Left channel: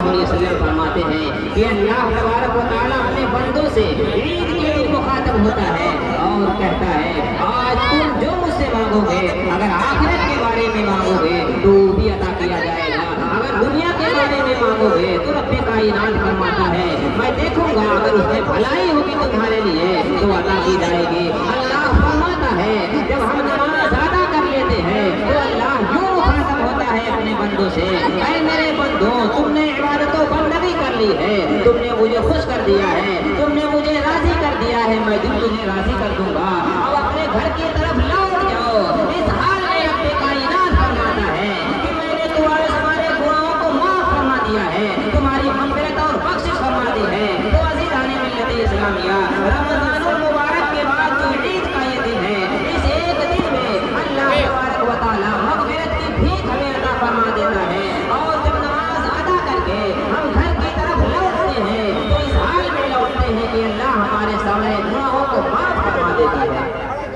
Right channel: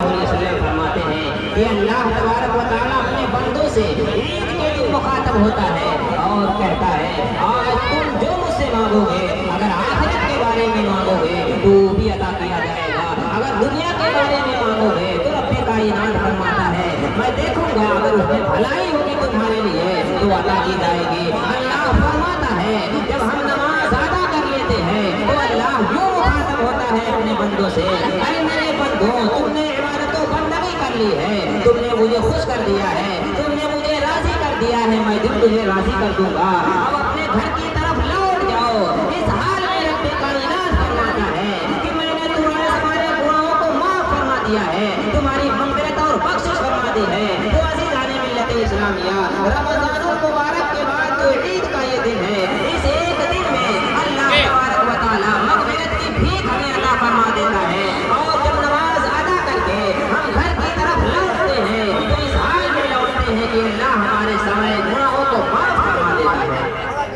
फरमाते हैं कि अल्लाह तबारक व तआला अपने बंदों से ईद के दिन मुखातब होता है और कहता है आज तुम जो मुझसे मांगोगे, अगर आखिरत के बारे में मांगोगे तो भी अता किया जाएगा, अगर दुनिया के बारे में मांगोगे तो रब्बे कायनात फरमाता है मैं देखूंगा अगर उसमें भलाई होगी तुम्हारे लिए तो अता की जाएगी। अल्लाह फरमाता है जब हम नमाज अदा कर लेते हैं तो अल्लाह यूं मुखातब होता है अपने बंदों से, ऐ मेरे बंदों तुमने इबादतों बंदगी कर ली है, तुमने मुझे खुश कर दिया है, तुमने मुझे राजी कर दिया है, मैं दिन तुम्हें राजी कर दूंगा, अब अपने घर की तरफ लौट जाओ। इस हाल में रब्बे कायनात फरमाता है कि मैंने तुम्हारे सारे गुनाहों को माफ फरमा दिया है, तुम्हारी मग़फ़िरत और बख्शिश फरमा दी है। तो अज़ीज़ाने मिल्लत इस्लामिया, रमज़ानुल मुबारक के बाद जो ईद का ये दिन है, इस एक दिन में अल्लाह तबारक व तआला मग़फ़िरत की भीख हमें अता फरमा देता है। और जब नमाज अदा करके हम घर की तरफ लौटते हैं तो इस हाल में लौटते हैं कि अल्लाह हमारे सारे गुनाहों को माफ फरमा देता है,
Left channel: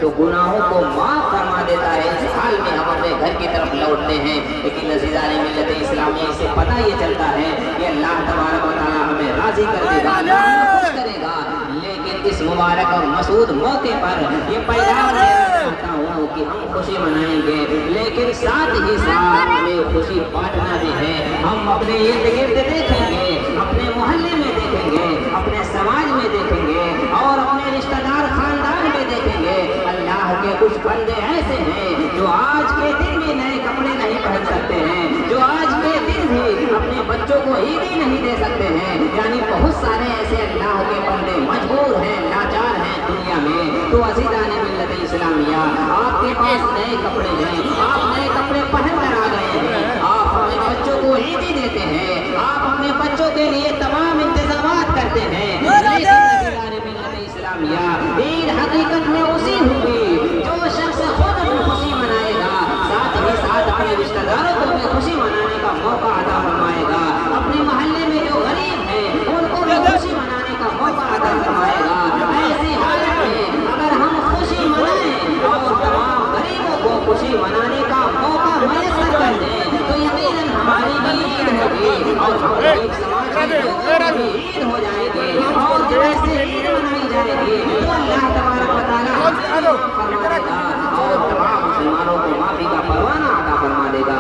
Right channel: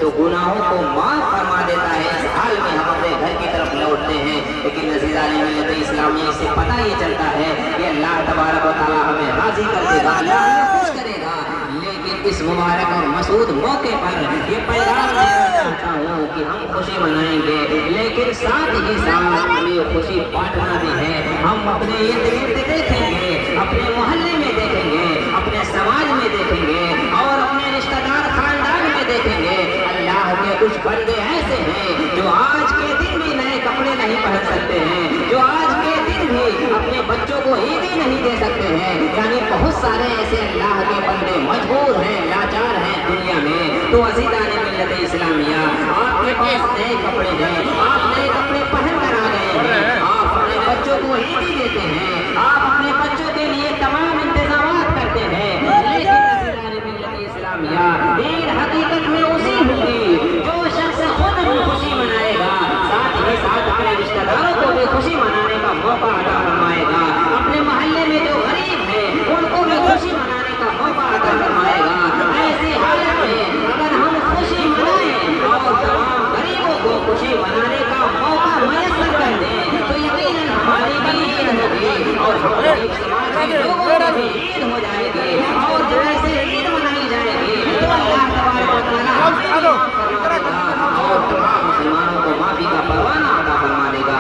तो गुनाहों को माफ फरमा देता है। इस हाल में हम अपने घर की तरफ लौटते हैं, लेकिन अज़ीज़ाने मिल्लत इस्लामिया इससे पता ये चलता है कि अल्लाह तबारक व तआला हमें राजी कर देगा, अल्लाह हमें खुश करेगा। लेकिन इस मुबारक और मसूद मौके पर ये पैगाम देना चाहता हूँ कि हम खुशी मनाएंगे, लेकिन साथ ही साथ हमें खुशी बांटना भी है। हम अपने इर्द गिर्द देखेंगे, अपने मोहल्ले में देखेंगे, अपने समाज में देखेंगे और अपने रिश्तेदार खानदान में देखेंगे। अल्लाह के कुछ बंदे ऐसे हैं जो आज के दिन भी नए कपड़े नहीं पहन सकते हैं, जो आज के दिन भी अपने बच्चों को ईदी नहीं दे सकते हैं। यानी बहुत सारे ऐसे अल्लाह के बंदे मजबूर हैं, लाचार हैं दुनिया में। तो अज़ीज़ाने मिल्लत इस्लामिया, आपके पास नए कपड़े हैं, आप नए कपड़े पहन कर आ गए हैं, आप अपने बच्चों को ईदी देते हैं, आप अपने बच्चों के लिए तमाम इंतजामात करते हैं, लेकिन अज़ीज़ाने मिल्लत इस्लामिया, ईद हकीकत में उसी होगी जो शख्स खुद खुशी मनाएगा, साथ ही साथ अपने रिश्तेदारों को भी खुशी मनाने का मौका अता फरमाएगा, अपने मोहल्ले में जो गरीब है उनको भी खुशी मनाने का मौका अता फरमाएगा। ऐसी हालत में अगर हम खुशी मनाएं और तमाम गरीबों को खुशी मनाने का मौका मैसर कर दें तो यकीनन हमारी भी ईद होगी और हमारे समाज के लोगों की भी ईद हो जाएगी। और जब ऐसे ईद मनाई जाएगी तो अल्लाह तबारक व तआला हमें फरमा देगा और तमाम मुसलमानों को माफी का परवाना अता फरमा देगा।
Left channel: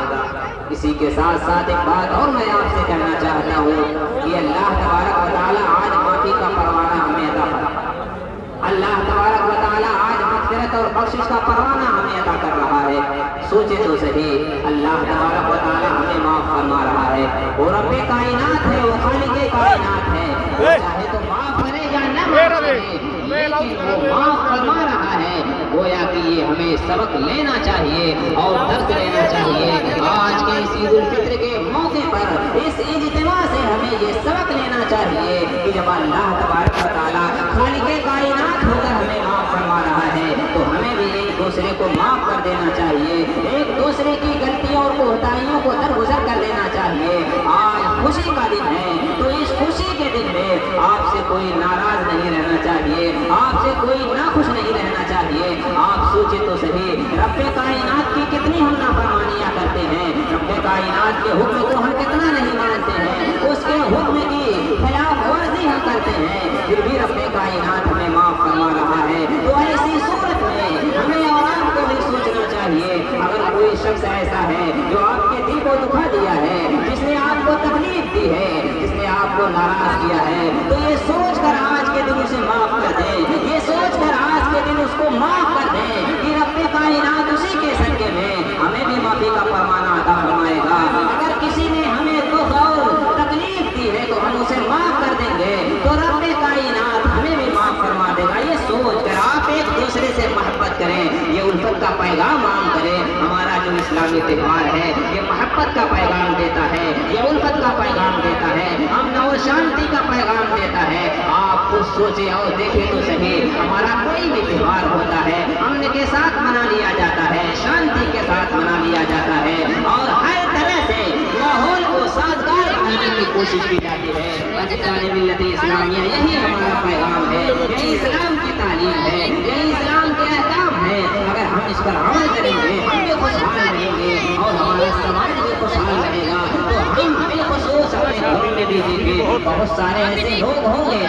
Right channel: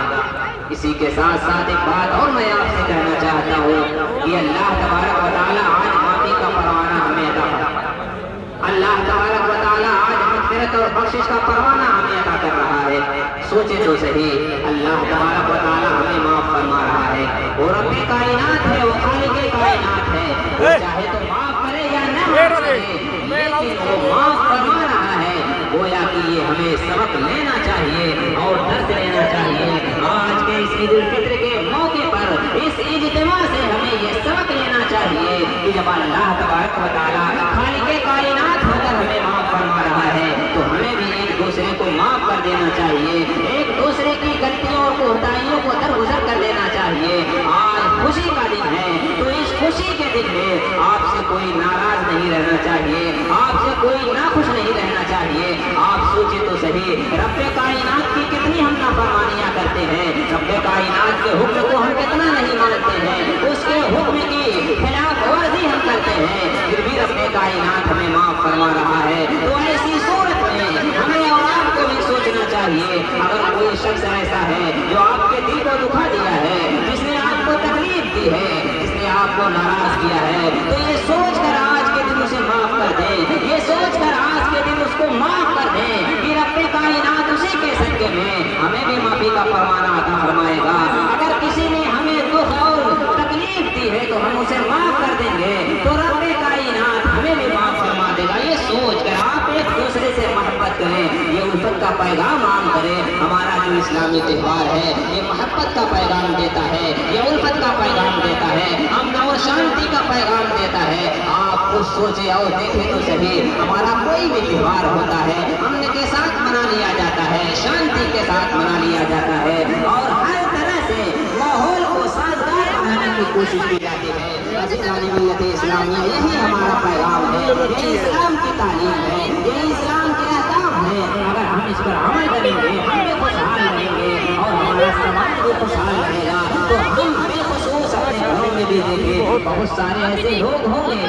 इसी के साथ साथ एक बात और मैं आपसे कहना चाहता हूँ कि अल्लाह तबारक व तआला आज माफी का परवाना हमें अता फरमा, अल्लाह तबारक व तआला आज मग़फ़िरत और बख्शिश का परवाना हमें अता कर रहा है। सोचे तो सही, अल्लाह तबारक व तआला हमें माफ फरमा रहा है। वो रब्बे कायनात है, वो खालिक़े कायनात है, वो चाहे तो माफ करे या न माफ करे, लेकिन वो माफ फरमा रहा है। गोया कि ये हमें सबक लेना चाहिए और दर्द लेना चाहिए। आज के इस ईद उल फित्र के मौके पर इस इज्तिमा से हमें ये सबक लेना चाहिए कि जब अल्लाह तबारक व तआला खालिक़े कायनात होकर हमें माफ फरमा रहा है तो हमें भी एक दूसरे को माफ कर देना चाहिए, एक दूसरे की गलतियों और कोताहियों को दरगुजर कर देना चाहिए। आज खुशी का दिन है तो इस खुशी के दिन में आपसे कोई नाराज नहीं रहना चाहिए, आपसे कोई नाखुश नहीं रहना चाहिए। आप सोचे तो सही, रब्बे कायनात की कितनी हम नाफरमानियां करते हैं, रब्बे कायनात के हुक्म को हम कितना नहीं मानते हैं, उसके हुक्म की खिलाफ वर्जी हम करते हैं, फिर भी रब्बे कायनात हमें माफ फरमा रहा है। तो ऐसी सूरत में हमें और आपको भी सोचना चाहिए, अगर कोई शख्स ऐसा है जो आपके दिल को दुखा दिया है, जिसने आपको तकलीफ दी है, जिसने आपको नाराज किया है, तो ये सोच कर आज के दिन उसे माफ कर दे, ये सोच कर आज के दिन उसको माफ कर दे कि रब्बे कायनात उसी के सदक़े में हमें भी माफी का फरमाना अता फरमाएगा। अगर किसी ने हमें दुख और तकलीफ दी है तो हम उसे माफ कर देंगे तो रब्बे कायनात हमें भी माफ फरमा देगा। ये सोच कर आप एक दूसरे से मोहब्बत करें, ये उल्फत का पैगाम आम करें। हमारा जो इस्लामी त्यौहार है ये मोहब्बत का पैगाम देता है, ये उल्फत का पैगाम देता है, अमन और शांति का पैगाम देता है। आप कुछ सोचे और देखें तो सही, हमारा कोई भी त्यौहार होता है अमन के साथ मना लिया जाता है, शांति के साथ मना लिया जाता है और हर तरह से माहौल को साजगार बनाने की कोशिश की जाती है। अज़ीज़ाने मिल्लत इस्लामिया, यही हमारा पैगाम है, यही इस्लाम की तालीम है, यही इस्लाम के अहकाम है। है, अगर हम इस पर अमल करेंगे हम भी खुशहाल रहेंगे और हमारा समाज भी खुशहाल रहेगा। तो हम बेखुसूस अपने घरों में भी देखें, बहुत सारे ऐसे लोग होंगे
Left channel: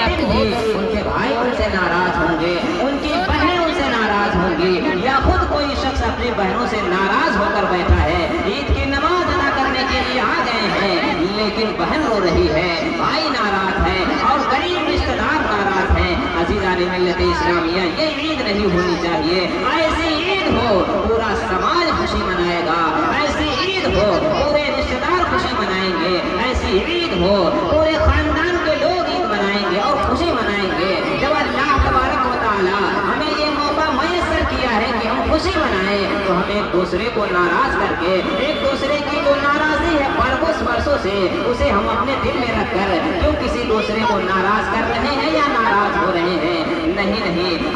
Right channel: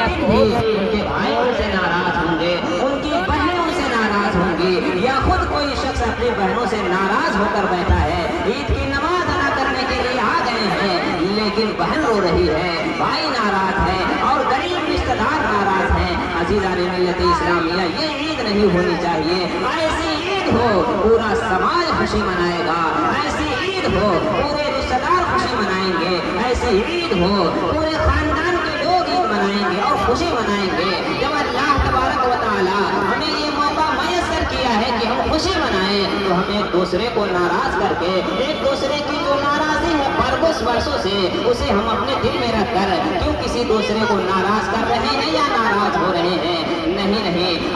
आज उनके भाई उनसे नाराज होंगे, उनकी बहनें उनसे नाराज होंगी, या खुद कोई शख्स अपनी बहनों से नाराज होकर बैठा है, ईद की नमाज अदा करने के लिए आ गए हैं, लेकिन बहन रो रही है, भाई नाराज है और गरीब रिश्तेदार नाराज है। अज़ीज़ान मिल्लत इस्लामिया, ये ईद नहीं होनी चाहिए। ऐसी ईद हो पूरा समाज खुशी मनाएगा, ऐसी ईद हो पूरे रिश्तेदार खुशी मनाएंगे, ऐसी ईद हो पूरे खानदान के लोग ईद मनाएंगे और खुशी मनाएंगे। जब अल्लाह तबारक व तआला हमें ये मौका मयस्सर किया है कि हम खुशी मनाएं, तो हम एक दूसरे को नाराज करके, एक दूसरे की जो नाराजी है वर्षों से, उसे हम अपने दिल में रखकर क्यों किसी दूसरे को नाराज कर रहे हैं या नाराज हो रहे हैं? नहीं,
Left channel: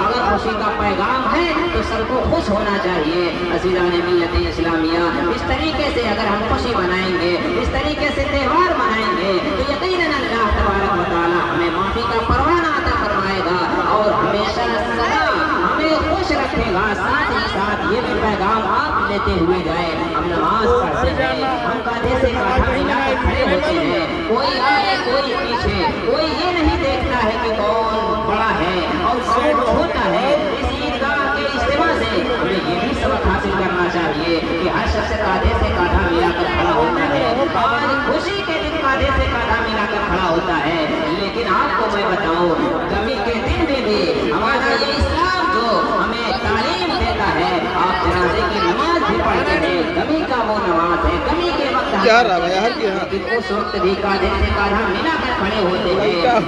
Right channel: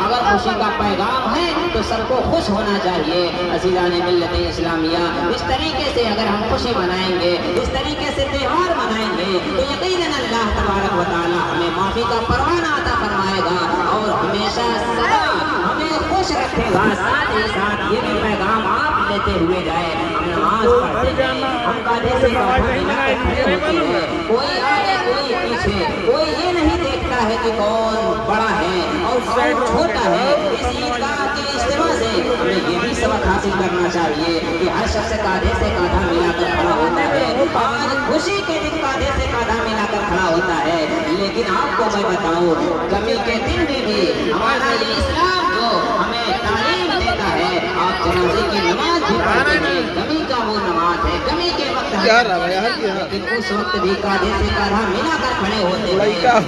अगर खुशी का पैगाम है तो सबको खुश होना चाहिए। अज़ीज़ान मिल्लत इस्लामिया, इस तरीके से अगर हम खुशी मनाएंगे, इस तरीके से त्यौहार मनाएंगे, तो यकीनन अल्लाह तबारक व तआला हमें माफ़ी का परवाना अता फरमाएगा और हमेशा सदा हमें खुश रखेगा। साथ ही साथ ये भी पैगाम आप लेते हुए जाए, हम नमाज पढ़ते जाए, हम कांधे से कांधा मिलाकर खड़े होते हैं, कोई आगे कोई पीछे, कोई ये नहीं देखता है कि कौन बड़ा है और कौन छोटा है। इस ईदगाह के इज्तिमा से हमें ये भी सबक हासिल करना चाहिए कि हर शख्स कांधे से कांधा मिलाकर खड़ा होता है। आज खुशी के दिन कांधे से कांधा मिलाकर खड़ा होता है, लेकिन आपको मैं बताऊं, गमी के दिन में भी हमारा ये इस्लाम जो हमें तालीम देता है, आप जनाजे की नमाज भी पढ़ते हैं, गमी का वो नमाज है, गमी के वक्त क्या रहा यार, लेकिन उस वक्त भी कांधे से कांधा मिलाकर खड़े होते हैं। पैगाम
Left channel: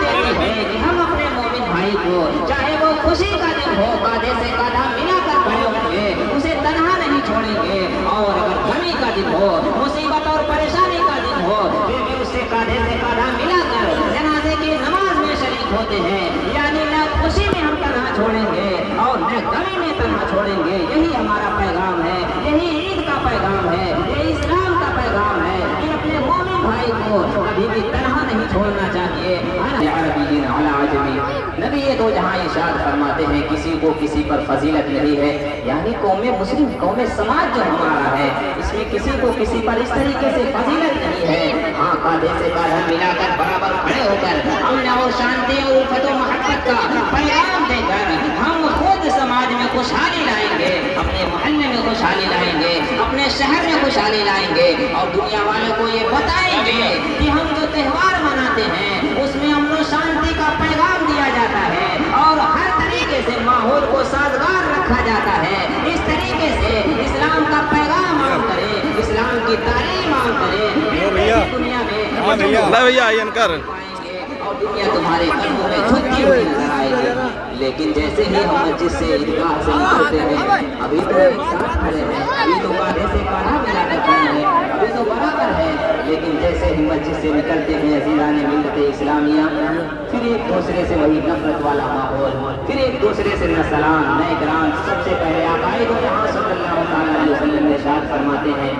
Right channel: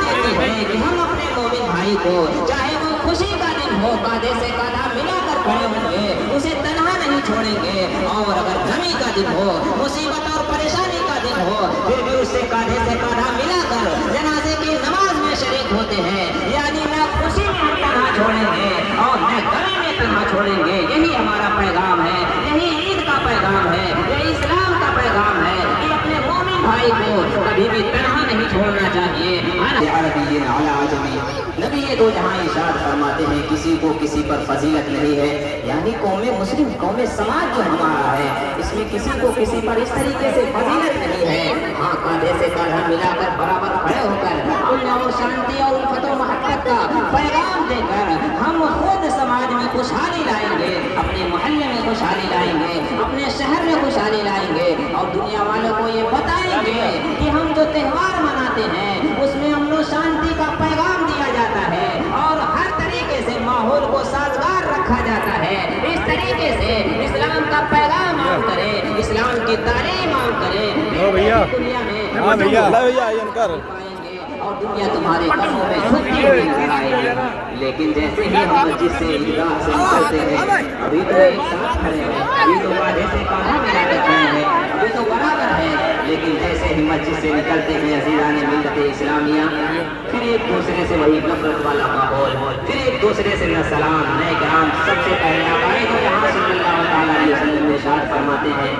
देते हैं कि हम अपने मोमिन भाई को, चाहे वो खुशी का दिन हो, कांधे से कांधा मिलाकर खड़े होंगे, उसे तन्हा नहीं छोड़ेंगे, और अगर गमी का दिन हो, मुसीबत और परेशानी का दिन हो, फिर भी उससे कांधे से कांधा मिलाकर जनाजे की नमाज में शरीक होते हैं। यानी न खुशी में हम तन्हा छोड़ेंगे और न गमी में तन्हा छोड़ेंगे। यही हमारा पैगाम है, यही ईद का पैगाम है, यही इस्लाम का पैगाम है कि अपने मोमिन भाई को कभी भी तन्हा नहीं छोड़ना चाहिए। नबी ये दो जहाँ इरशाद फरमाते हैं, किसी को किसी पर फजीलत नहीं है, यानी कौम मुस्लिम, कौम समाज जो हमारा है, इसमें किसी को किसी पर इस तरीके से फजीलत नहीं है। हाँ, कांधे से कांधा मिलाकर बराबर खड़े होकर अमन और शांति और उल्फत और मोहब्बत का पैगाम देकर हम खुद समाज में खुशहाली लाएंगे, अपने मोहल्ले में खुशहाली लाएंगे, अपने शहर में खुशहाली लाएंगे और दुनिया वालों को ये बताएंगे कि हम जो त्यौहार मनाते हैं उसमें अमन शांति का पैगाम दिया जाता है और हर तरीके से माहौल को साजगार रखा जाता है। इस तरीके से इस्लाम का पैगाम आम करें, इस्लाम की तालीम आम करें, दुनिया में भैया कर और दुनिया तुम्हारे कदमों में झुकती हुई नजर आएगी। लेकिन जैसे ही हम मस्जिद से ईदगाह से निकलते हैं, अभी तो एक साथ खड़े हैं, अभी तो कांधे से कांधा मिलाकर खड़े हैं, अभी तो बराबर है, लेकिन जैसे ही मस्जिद से निकलते हैं अज़ीज़ान मिल्लत इस्लामिया, फिर एक दूसरे से वही नफरत वाला माहौल, फिर एक दूसरे से न सलाम न इकराम। सबसे पहले आप आए तो यहाँ सल्लल्लाहु अलैहि वसल्लम इरशाद फरमाते हैं